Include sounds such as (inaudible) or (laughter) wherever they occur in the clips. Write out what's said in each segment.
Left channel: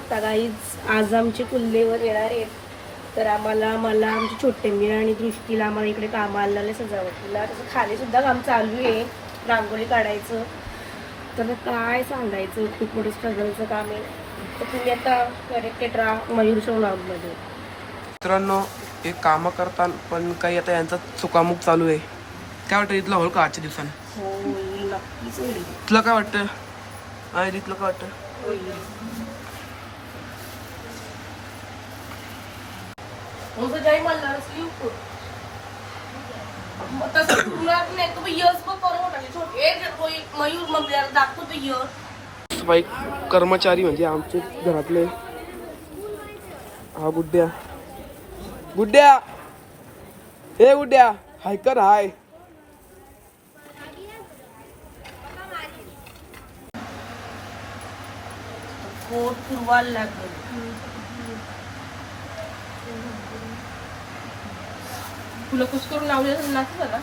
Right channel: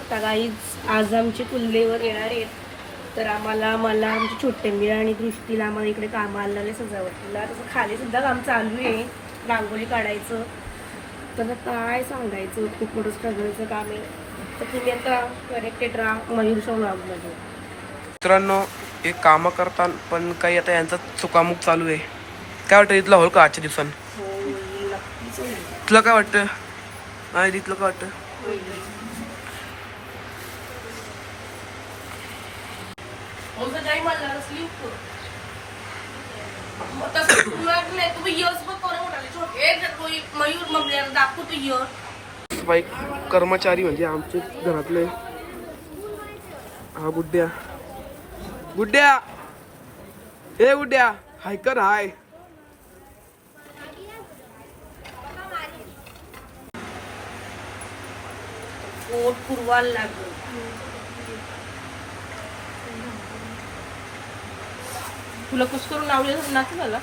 शकता काहीच आज आमचे कुल्लेवर येणार आहेत. तर आम्हाला मला आमची छोटे मिळा आणि दृष्टीला आम्हाला इकडे कामं आलेले सजावटीला तसं खाली सुद्धा काम चालू आहे. रांगोळी काढायचं. तर काय सांगायचं? खूप मोठं स्ट्रगलचं काम आहे. तर तुम्ही आता कनेक्टेड राहा मयूरच्या ब्लॉगमध्ये मित्रांनो हे कामं करतात पण काही आता यांचा चुकामुक चालू आहे. काय वाटतं इथला होल का आजच्या होईल. तुला काय वाटतं? नाही इथलं काय वाटतं? तर जाई म्हणणार असली उपट. मग तसं तुला नाही. तुम्ही यस पण करू म्हणाले. छोटे ए, रोई- मयूर मग जरा दाखवतो यस बाईक कर्मचारी म्हणजे आमचे घरातले. हा गुड्ड्या. गुड्ड्या! हे गुड्ड्या. हाय कर हाय. पोट पुरवायला लागेल? तुला कुस करून लावलेलं ना मला.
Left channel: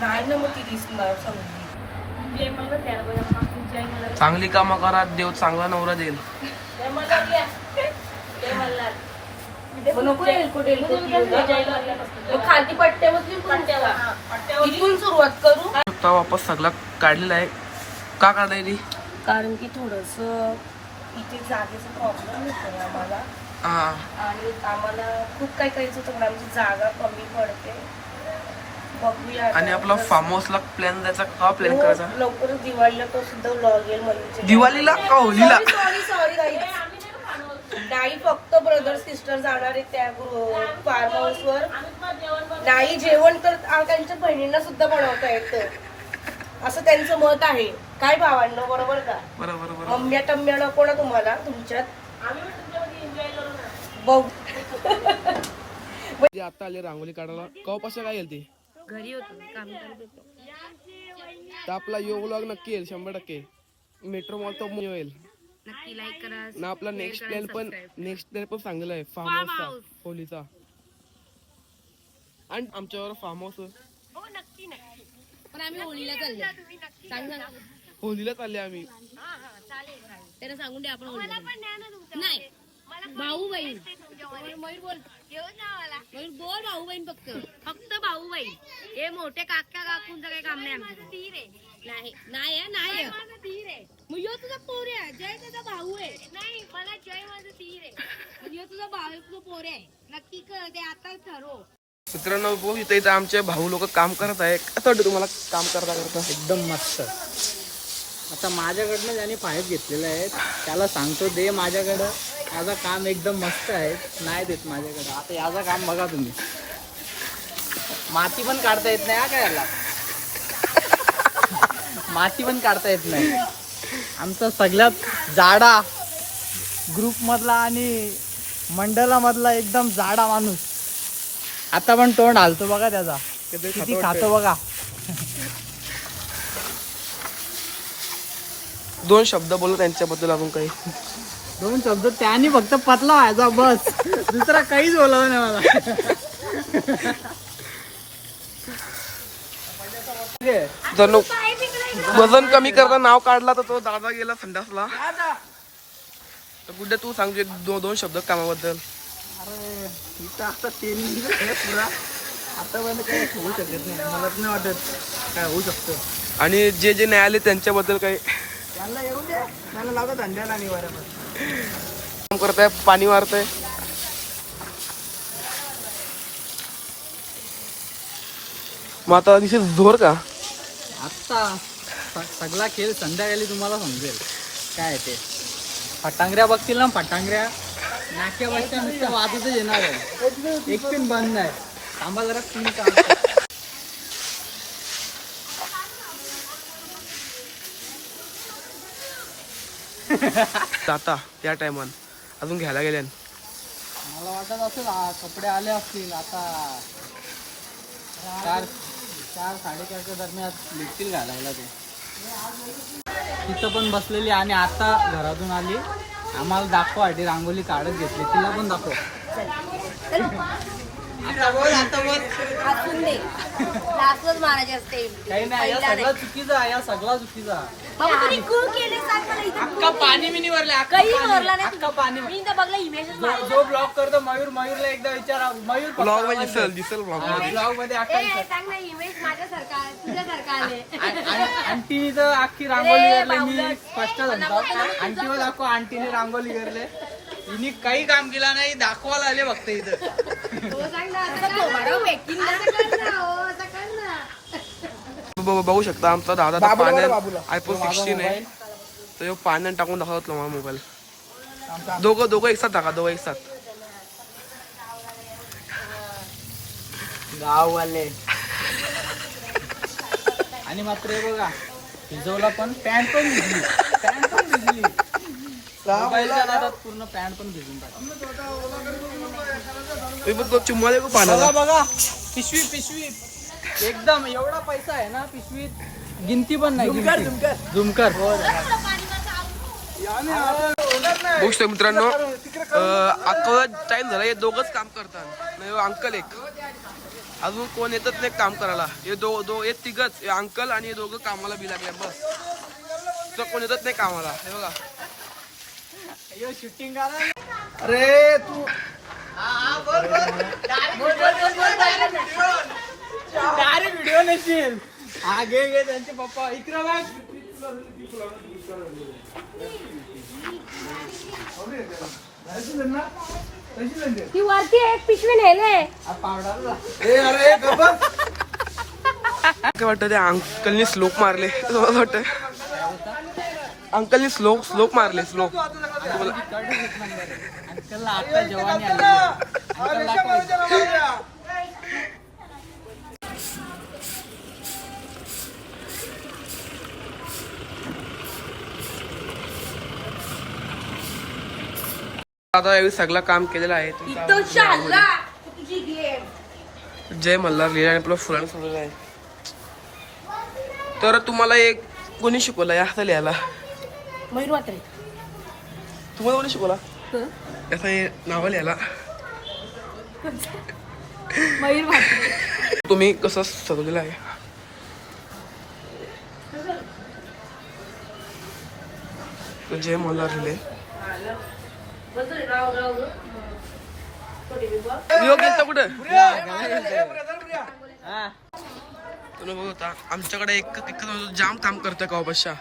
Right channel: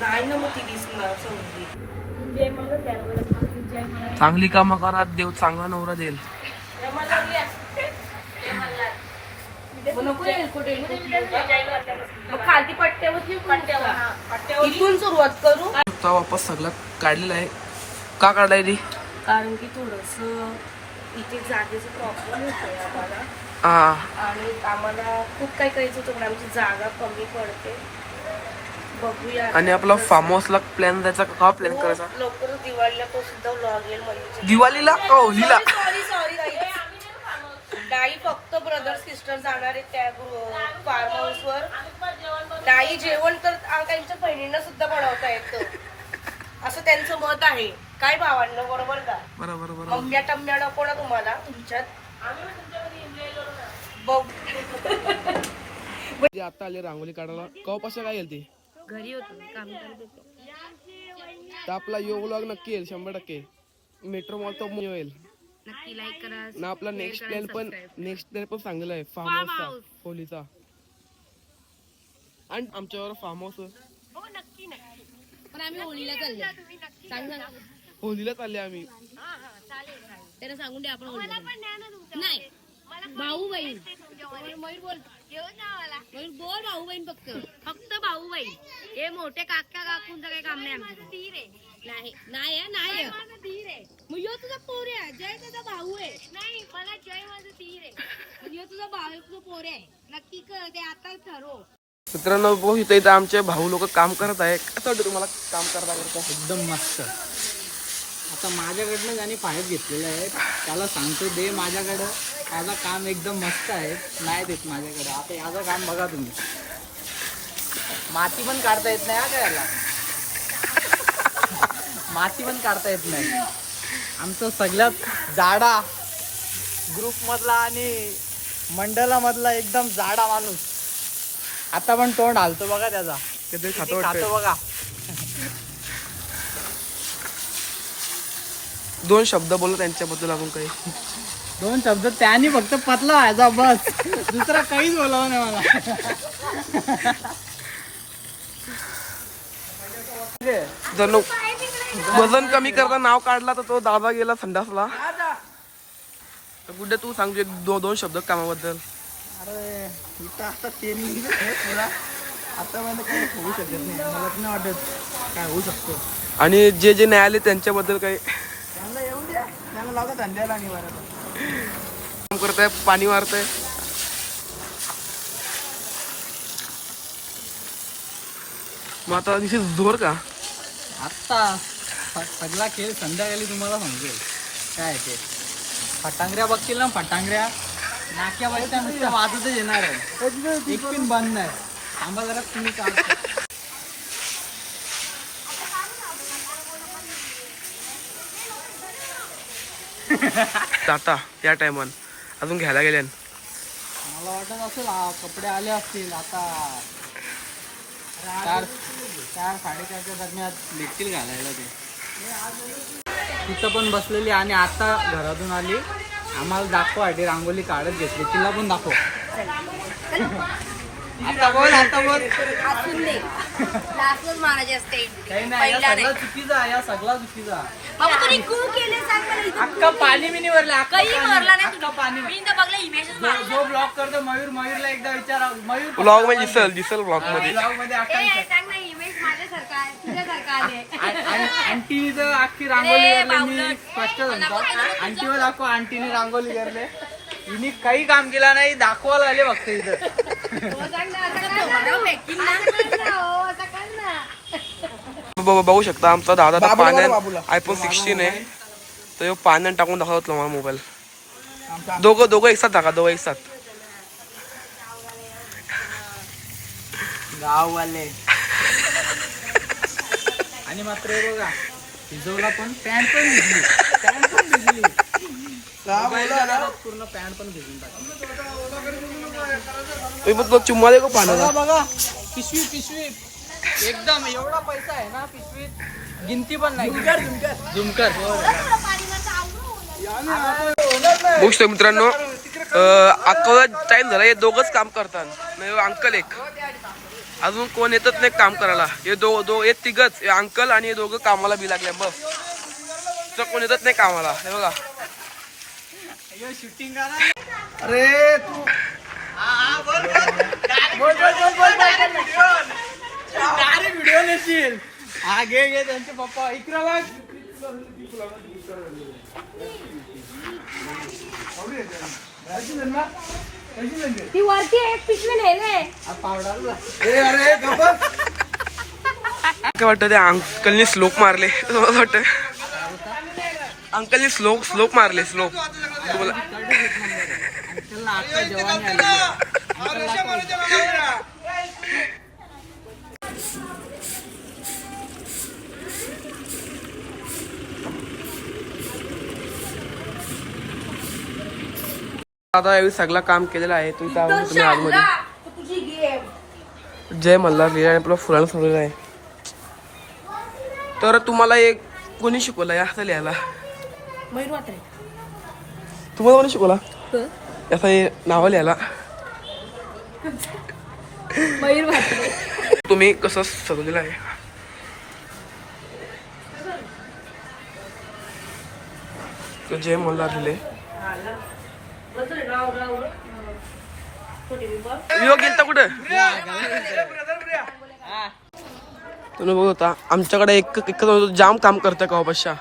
नाही ना मग ती दिसणार चांगली कामं करा देव चांगला नवरा देईल. वापस सगळा काढलेला आहे. का काढलाय ती कारण की थोडस इथे जागेचा प्रॉब्लेम होतो आम्हाला. हा आणि आम्हाला खूप काही करायचं होतं पण आमची जागा कमी पडते. बघूया. आणि आपला फार्म हाऊसला प्लॅन द्यायचा का? प्लॅन हो, करायचा? लवकरच दिवाळीला तो सुद्धा व्लॉग येईल म्हणजे. दिवाळीला का? होलीला सॉरी सॉरी नाही फक्त ब्रदर सिस्टर जाणार आहेत त्या फार्म हाऊस वर. नाही जेवण तर आ- त्यांच्या बहिणींना सुद्धा बनवता येतं. असं त्यांचं मत आहे. काय भावांनो बरोबर का? बरोबर बरोबर. मम्म्या टम्म्या नको ना तुम्हाला तुमच्यात? बघ. जे आता आले रांगोळी काढायला कवापासून काय येईल ते? घरी होतो मी काम करत होतो. तर आपला यो व्लॉग नक्की येईल शंभर टक्के. मेट्रो मॉल तो येईल नक्की लाईक करा ना आपला नेक्स्ट प्लॅन पण नेक्स्ट प्लॅन पण चांगला आहे फार्म हाऊसचा होलीचा आणि आमच्यावर फार्म हाऊस हो नक्की नक्की. पण आम्ही होळीला चाललो सांग ना होलीला चालले आम्ही. त्याला सांगून द्या आपण होळीला नाही भाऊ बहीण. मयूर बोल. मयूर बोल भाऊ बहीण फक्त. फक्त भाऊ बहीण. हे मोठे काका काकूंचं काही काम नाही आमचं. नाही नाही आहे, नाही आहे. मग यो तुझा पोर आहे जय तुझा भाऊ आहे. नाही मला जय माझा तीर आहे. यो तुझा भाऊ तुझा पोर आहे. नक्की कर ते आता ठरव. मित्रांनो बघू इथं इथं आमचे भाऊ लोक काम करत आहे कसं वाटतं तुम्हाला? काम करता एकदम मस्त. आता माझ्याकडनं ज्याने पाईप घेतलेले आहेत त्याला सांगतो दे माझ्याकडं. याचा काम एकदम मस्त आहे. नाही देत माझ्याकडं. आता याचा काम बघा तुम्ही. माती पण काढता येत नाही हा काय याला? माती पण काढता येत नाही. आमचा सगळ्यात जाडा ग्रुपमधला आणि मंडळामधला एकदम जाडा माणूस. आता पण तोंड हालतो बघा त्याचा. किती खातं. खातो बघा. दोन शब्द बोलू त्यांच्याबद्दल आपण काही. दोन शब्द. त्याने फक्त पतला व्हायचा बस. दुसरा काहीच बोलावं नाही मला. जर वजन कमी करता नाव काढला तर तो दादा गेला संडासला. तर गुड्डे तू सांग दो, दोन शब्द कामाबद्दल. अरे इथं आता पुरा. आतापर्यंत काही होऊ शकत नाही. मला नाही वाटत काय होऊ शकतं. आणि जे जे नाही आले त्यांच्याबद्दल काही त्यांना येऊ द्या. त्यांना लावता धंद्याला आणि बरोबर काम करताय पाणी मारताय मग आता दिसे जोर का? आत्ता सगळा खेळ संध्याकाळी तुम्हाला समजेल. काय ते? फटांगऱ्या बघतील ना फटांगऱ्या. नाक्या बसच्या नुसत्या वाजतच येणार आहे. एक पिन बंद आहे. थांबा जरा पिन काढतो जाता त्या टायमान अजून घ्यायला गेल्यान मला वाटत असेल कपडे आले असतील आता. चार चार साडेचारच्या दरम्यान भेटतील घालायला ते तिथं पण बसलेली आणि आता घरातून आली. आम्हाला दाखवा आधी रांगोली काढत घेतली. तिला पण दाखव. असून दे लास्टच मारायची असते काही नाही या पहिला सगळा चुकीचा आहे, या सगळा चुकीचा बाबा तुम्ही कू केले सांग मला इथं अख्खा पाणी बिनी भरले अख्खा काही पाणी. भरला नाही अख्खा पाणी मी तर बघला इमेज जो- जो ब्लॉग करतो मयूर मयूरला एकदा विचारा मयूर ब्लॉगमध्ये दिसल दिसल ब्लॉगमध्ये ब्लॉगमध्ये अख्खा विचार. सांग ना इमेज माझ्यासारखा आहे तुझ्यासारखा आले आंटी तर अख्खी करली मी ना तुझं. आंटीवर दाखव आंटीने रांगोली करले हिने काही काम केला नाही दाखवायला आले फक्त इथं. बघू शकता आमचा दादा आता पाण्यात आयफोन सिक्स्टीन आहे. तर ह्यो पाण्यात टाकून दाखवत मला मोबाईल दोघं दोघं एक साथ टाका दोघं एक साथ. गाववाले. आणि मात्र हे बघा भिजवला पण पॅन्ट पण भिजली. पॅन्ट पण भिजली. पूर्ण पॅन्ट पण भिजून तुम्ही बघ चुम्मा बघा पिशवी पिशवी एकदम एवढा पैसा आहे ना पिशवीत गिनती पण नाही झुमकर झुमकर मित्रांनो अकरा टाइम झाला हे दोघंच काम करतात नाही अंकल एक अजून कोण येतच नाही काम करायला हे दो दो हे तिघच हे अंकल आणि हे दोघं कामाला बी लागले बस तर कोण येतच नाही कामाला हे बघा शूटिंग करा अरे तू डायरेक्ट व्हिडिओ नसेल घे घे त्यांचे पप्पा. इकडे बघ. ती वरती एक पिशवी नेले पावडा काय वाटतं ते अंकलनी स्लोप मारले? (laughs) वाटतं. अंकलनी स्लोप स्लोप मारले स्लोप आता यावेळी सगळं काम केलेलं आहे. तुम्ही आतमध्ये. जय मल्हार लिहिला आणि आपलं फुलान सांगलेलं आहे. तर तुम्हाला एक कोणी शिकवलं या लिहायला तुम्हाला कोणी शिकवला याचा हे नावं लिहायला. मयूर वाटले तुम्ही कसं सजवलेलं आहे? जय मल्हार लिहिले यो गेलता कुठं? तुम्ही बघत होता आमच्याकडे एक एक जाम काम करतं का बशा?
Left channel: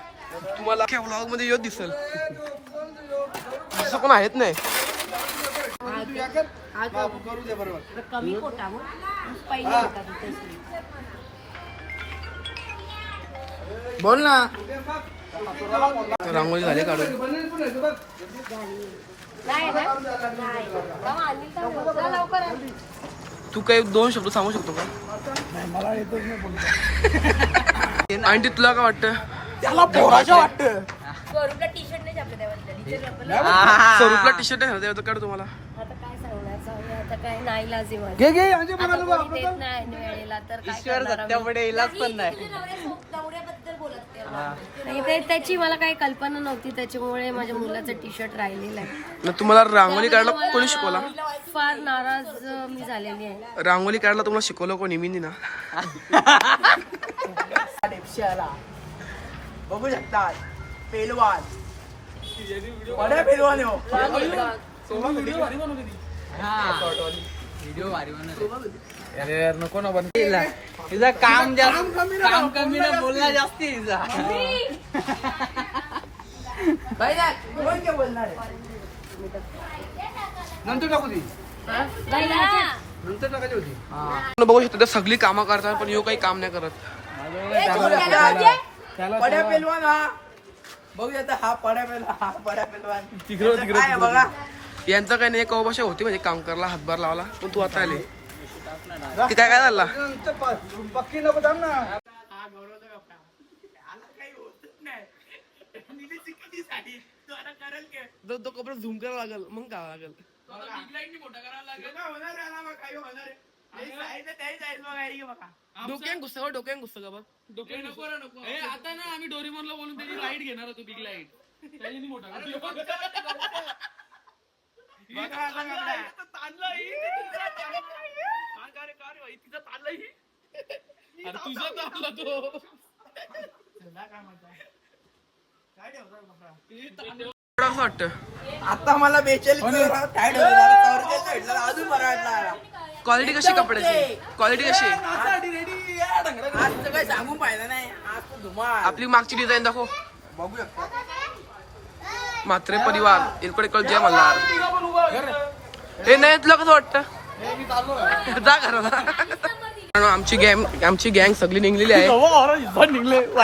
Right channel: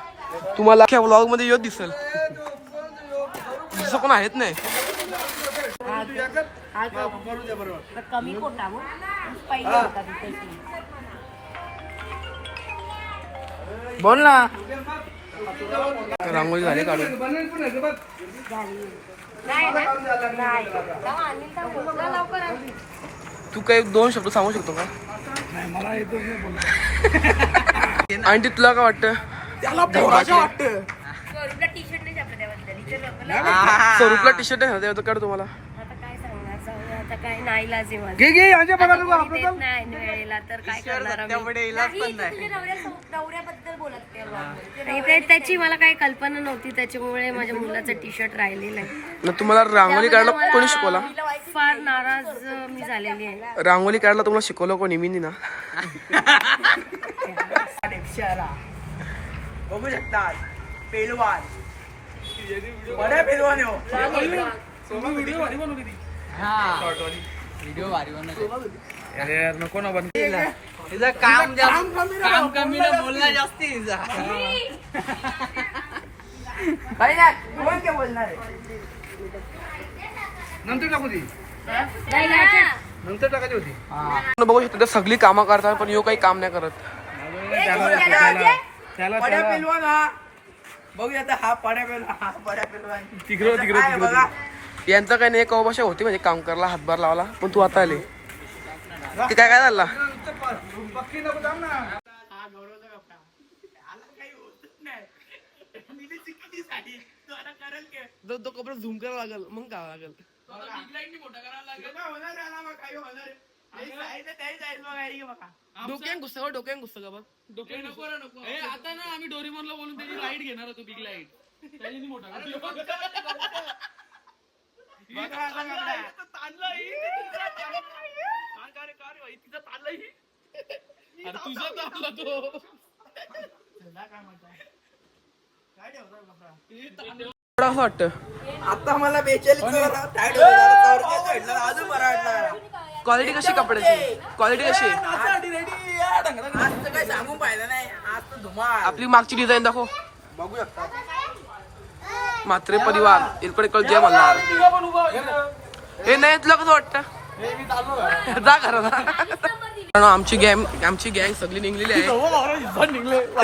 तुम्हाला व्लॉगमध्ये यो दिसल. दुसरं कोण आहेत नाही. कमी कोटा मग पहिले होता तिथं बोल ना. रांगोळी झाली काढून. नाही? नाही. तू काही दोन शब्द सांगू शकतो का? आणि तुला काय वाटतं? स्वरूपला इथे छापलं. स्वरूपला टी शर्ट आहे ना काढ तुम्हाला. आता काय सांगणार? जाऊ आता काय नाही लाज. घे घे नाही वेळेला तर काय करणार नाही त्याची मला काही कल्पना नव्हती त्याच्यामुळे माझ्या मुलाचं टी शर्ट राहिलेलं आहे. ना तुम्हाला रांगोळी काढला कोणी शिकवला? फार नाराज मी झालेली आहे. रांगोळी काढला तुम्हाला शिकवलं कोणी? मी ना. (laughs) (laughs) बघू शकतात पेलवान. बड्या पेलवान व्हिडिओ भारी बनवली व्हिडिओ भारी बनवली अरे यार नको ना बन. तिचं काम जास्त काम कमी ना बोलणं जास्ती तिचं ती. नंतर टाकायची होती. बघू शकता ते सगळी कामं करतात पण यो काही काम नाही करत. त्याला बघूया आता हा पड्या हा पड्या तिकडं तिकडं तिकडं यांचं काही नाही कवा भाषा होती म्हणजे काम करायला हातभार लावला पण तू आता आले. ते काय काय झाला? तो कपडा झूम करावा लागल मग काय लागल? डोक्यान घुसत डोक्यान घुसत का बघ. नको नको. आता ना आम्ही डोरीमॉनला बोलून त्याची लाइट घेणार होतो बिग लाइट मोठा (laughs) (laughs) आता मला बेचाळीस काय ठेवलं? भेटलं, अजून मराठा क्वालिटी कशी कपड्याची? क्वालिटी कशी? सांगून नाही आज धुमाळ. आपली मागची डिझाईन दाखव. बघू शकता म्हात्रे परिवार इकडे कळ जय मल्हार. हे नाही तुला कसं वाटतं. जा मित्रांनो, आमची गँग आमची गँग सगळी निघलेली आहे.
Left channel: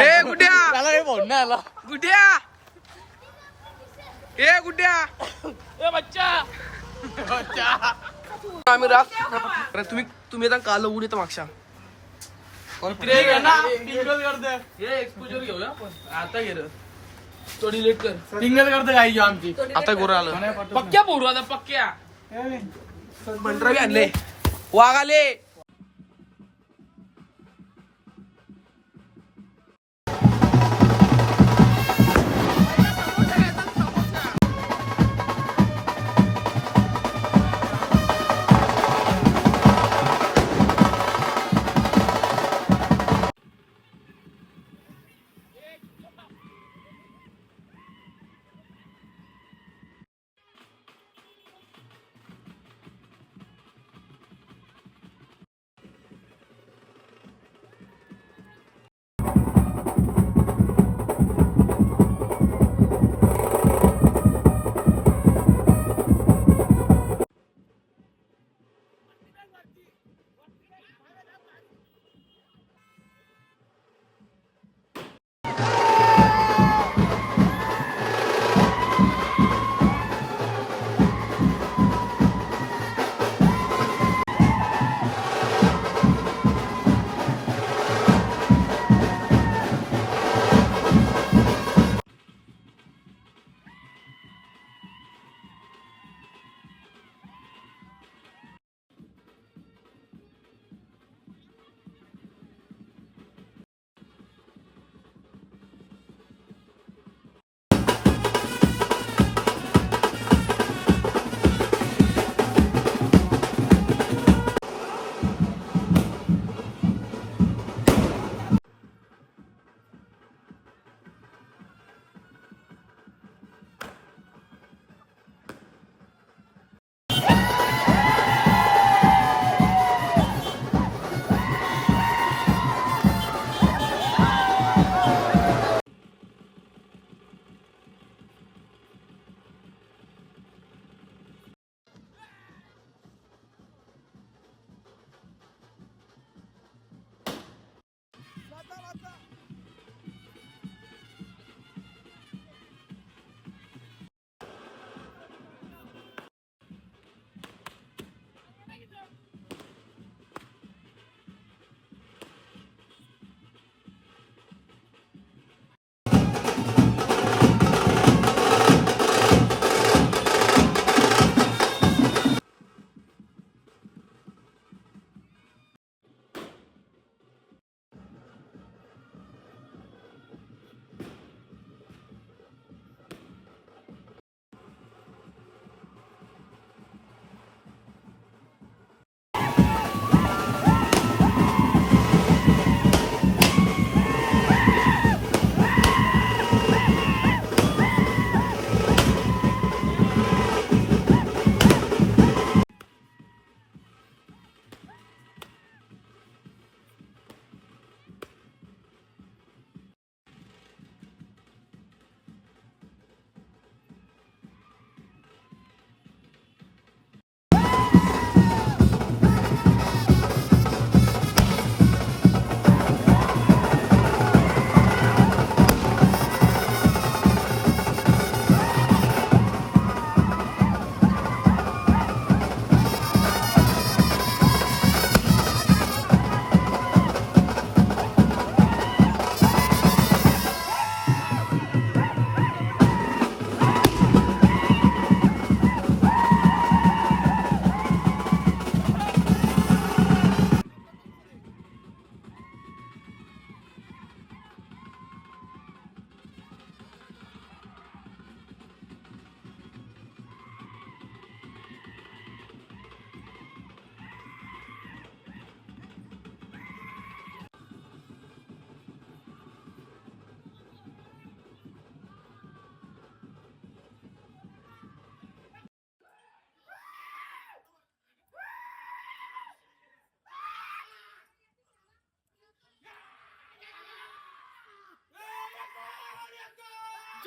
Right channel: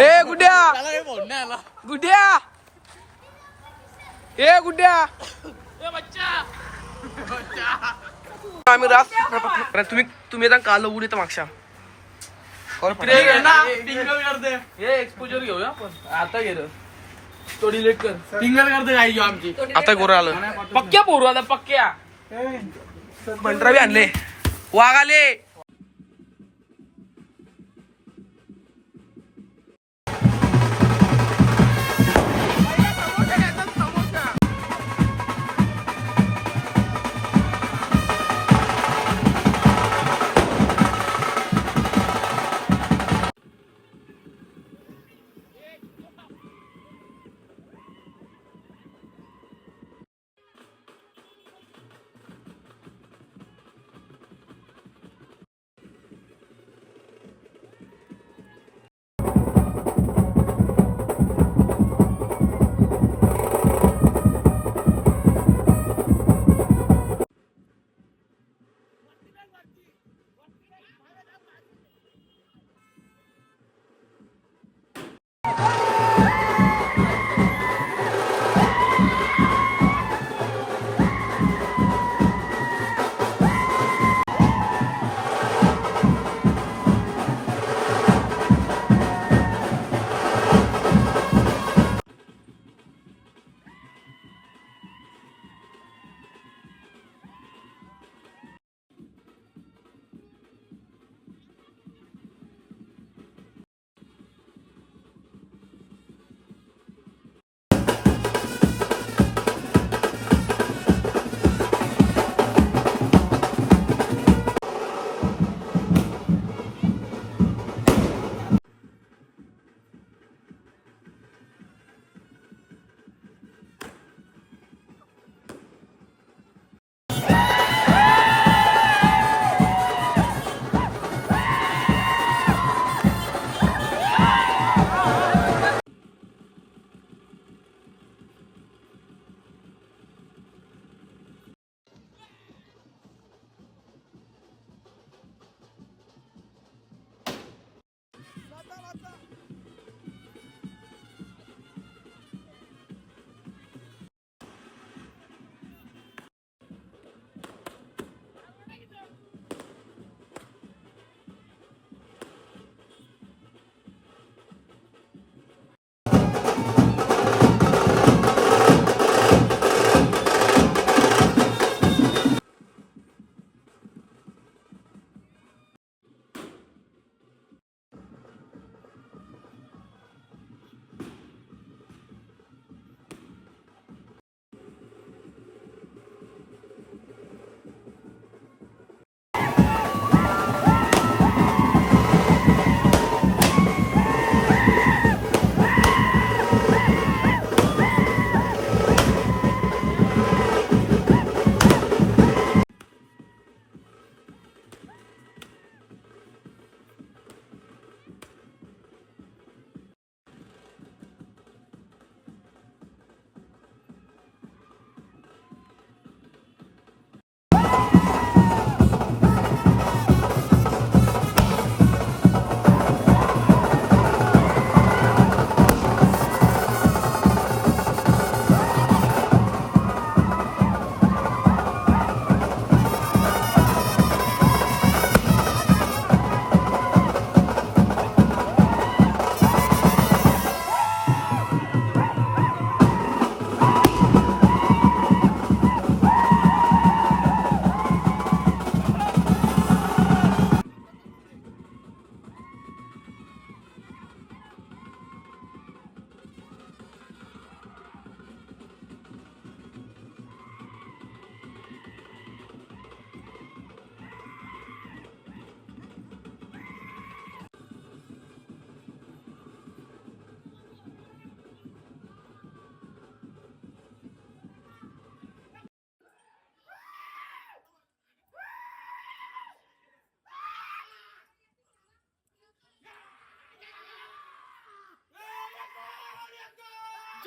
ए गुड्या! गुड्या! ए गुड्या! आम्ही रास तुम्ही तुम्ही आता काल उडी तर मागच्या. एक्सपोजर घेऊया आपण. आता गेलं तो डिलीट कर. सिंगल करते काही आमची? आता गोरा आलं. पक्क्या पोरू आता पक्क्या. मंडरा बी आणले. वाघ आले.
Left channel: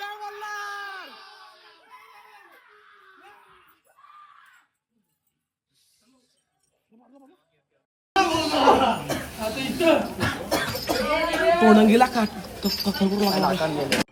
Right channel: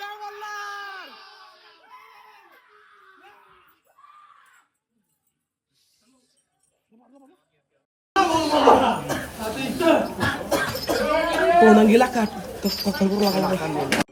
জওয়াল্লার Ponang gila kan, terus kakak